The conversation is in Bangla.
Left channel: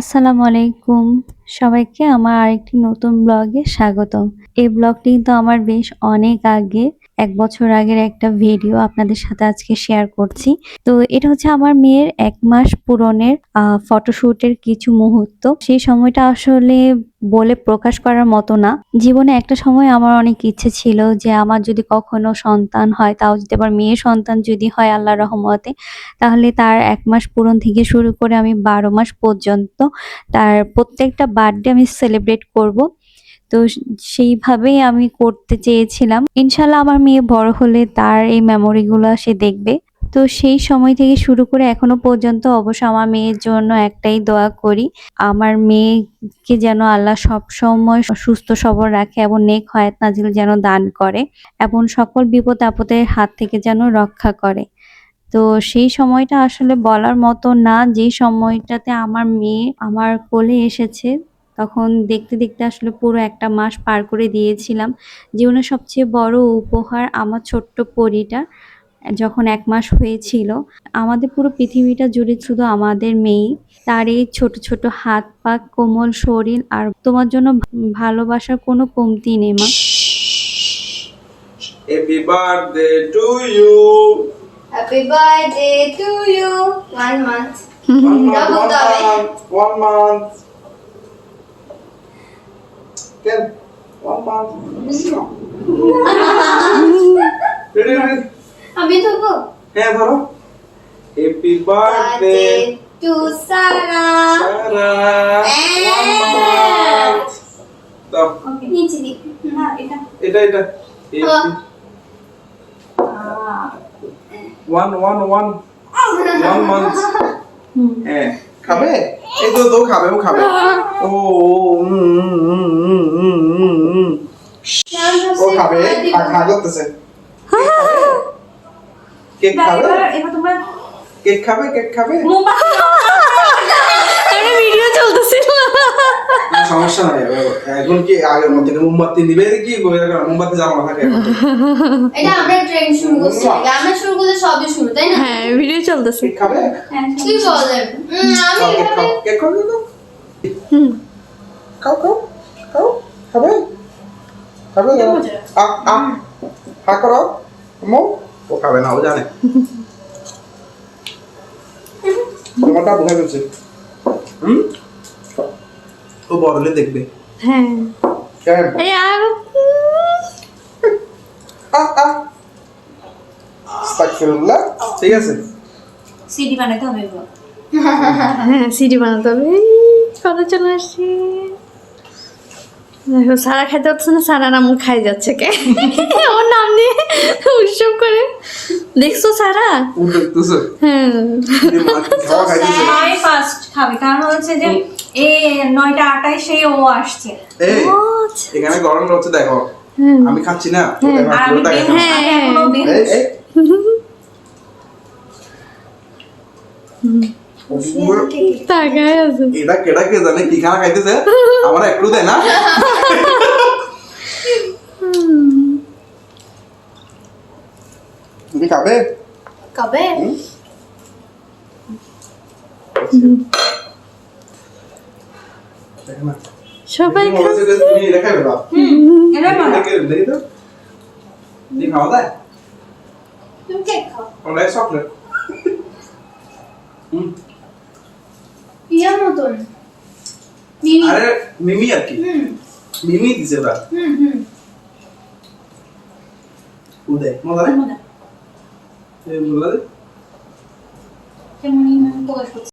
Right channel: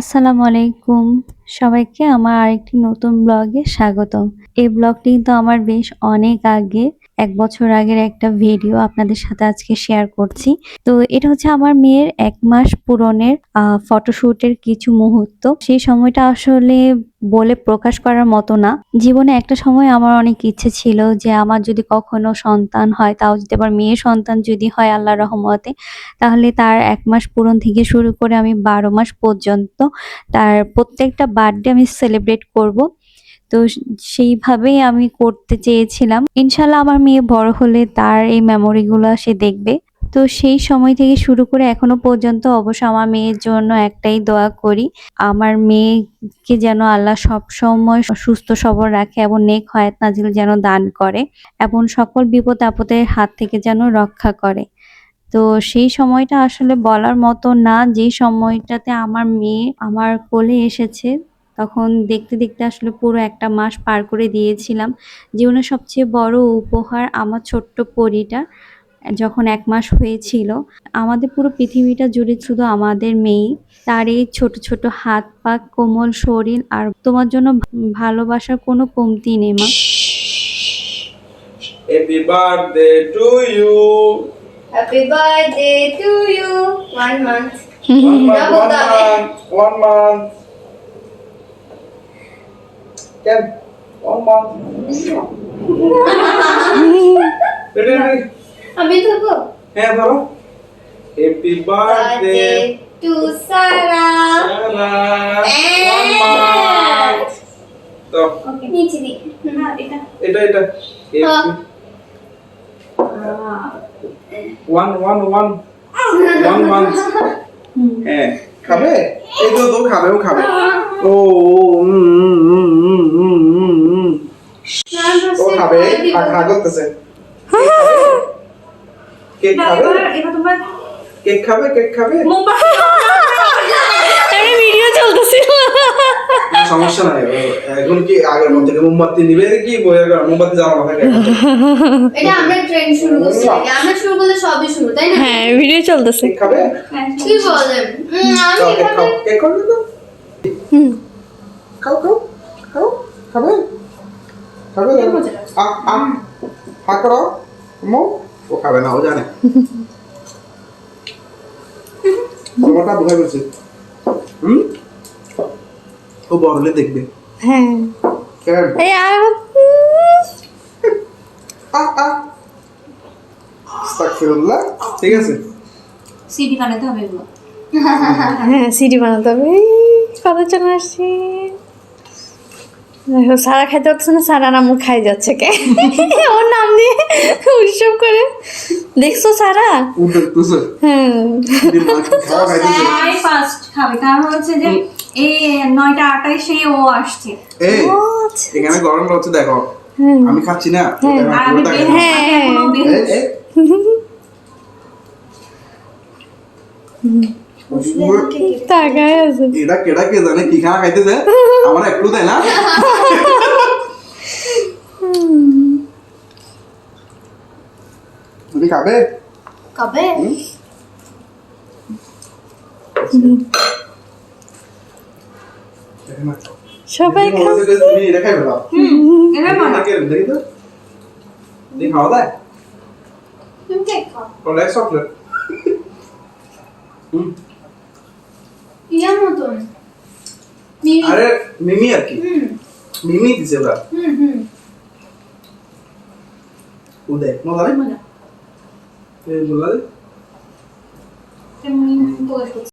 আসসালামু আলাইকুম। সবাইকে আমার আরেকটি নতুন ব্লগে স্বাগতম। এই ব্লগটি কিন্তু আমার বেশ অনেক আগে ১ বছর আগের একটা ভিডিও আপনাদের সাথে আজকে শেয়ার করছি। তো এটা হচ্ছে আমার মেয়ের ১ মাস পূরণের ফটোশুটের কিছু মুহূর্ত। সেই সময়টা আসলে বলে প্রকাশ করার মতো না। জীবনে একটা সময় আমার অনেক ইচ্ছে ছিল যে আমার যদি কখনো সন্তান হয়, তাও যদি আবার মেয়ে সন্তান যদি হয় আল্লাহর রহমতে, তাহলে তার ১ মাস পূরণ থেকে শুরু করে আমি ১২ মাস পর্যন্ত তার প্রত্যেকটা বার্থডে আমি সেলিব্রেট করব। তো সেইভাবেই আমি করতে চেয়েছিলাম। ইনশাআল্লাহ আমার মেয়ে বড় হলে তার এই মেমোরি গুলা সে দেখবে। তো সেই সময় থেকে শুরু করে এখনো পর্যন্ত অবশ্য আমার মেয়ের জন্য একটাই দোয়া করি। আমার মেয়েকে যেন আল্লাহ সবসময় সুস্থ সবল রাখে এবং নেক হায়াত নাজিল যেন দান করে এবং সকল বিপদ আপদের হাত থেকে যেন রক্ষা করে। তো সেই সময়টা আসলে বলার মতো না, যেই সময়টাতে আমার মেয়ে আমার কোলে এসেছে, তখন দেখতে, দেখতে আসলে পুরো একটা মাস পার করে দিয়েছিলাম। জীবনের সবচেয়ে বড় উপহার আমার ছোট্ট পরীটা যখন ১ মাস হয়েছিল। আমাদের পুরো পৃথিবীটা জুড়ে শুধু আমাদের মেয়েই। তার এই ছোট, ছোট হাত পা, কোমল শরীর আর তোমার জন্য ভালোবাসার কোনো কমতি নেই মা। Happy birthday to you. Happy birthday to you. 1 month. 1 month. Can 1 month. Ready? আমি ধরবো হ্যাঁ ধরো। Happy birthday to Sarah. Sarah. 1 month. তো ওকে নিচে দিই না এটা এটা Happy 1 month. হ্যাঁ খাবে এই তো খাবে ও খাবে ও ও খাবে খা করতেছে কেক খাবে এটা তোমার কেক খাবে আমি ভিডিও চলতেছিল সমস্যা নাই এখন কি আগের মধ্যে মোমবাতি নিবে কি মোমবাতি জ্বালানো থাকে এটা আমরা ট্রেন শুরু করছি আমরা শুরু করলে সবই শুরু তাই না হ্যাঁ, ভিডিও চলতেছে। কেক খাবে কি বলেন আমি এভাবে কেক খাও খাবে হা করো ও খাবে না ও জানে তোমারটা বুঝে গেছে তো বড় হলে দেখবে হ্যাঁ। কেন আস্তাগফিরুল্লাহ ঠিক আছে সিডি বানাতে হবে গো হ্যাঁ, সিডি বানাতে হবে। কবে চলে আসছি? দেখো সারা খাইতে পারছে না, সারা নাম খাই যাচ্ছে কে ওর নাম দিয়ে উৎসব করে। দেখছো সারা? দেখতেছো হ্যাঁ, আমি ফার্স্ট খাবে কারণ হচ্ছে যে এই 9টা 28 ও আসছে এই এখানে গরম হচ্ছে দেখো আমি খাচ্ছি না আর আমি বের এখনো বের তাকায় আছে। এটা কেডা কে জানে কি খানা খাইতেছে আমার একটু দেয় না তুমি খাবে কবে সবাই তুমি এটা খাইবে না এটা বানা দেখি তো তুমি খাওয়া যায় তুমি কেক খাও ওটা চকলেট ইয়ার মতন মিমি আরে মিমি আর কি মিমি দিছে ওরা উদে মজা রে মজা এই বললা রে কেমন প্রকাশ করছে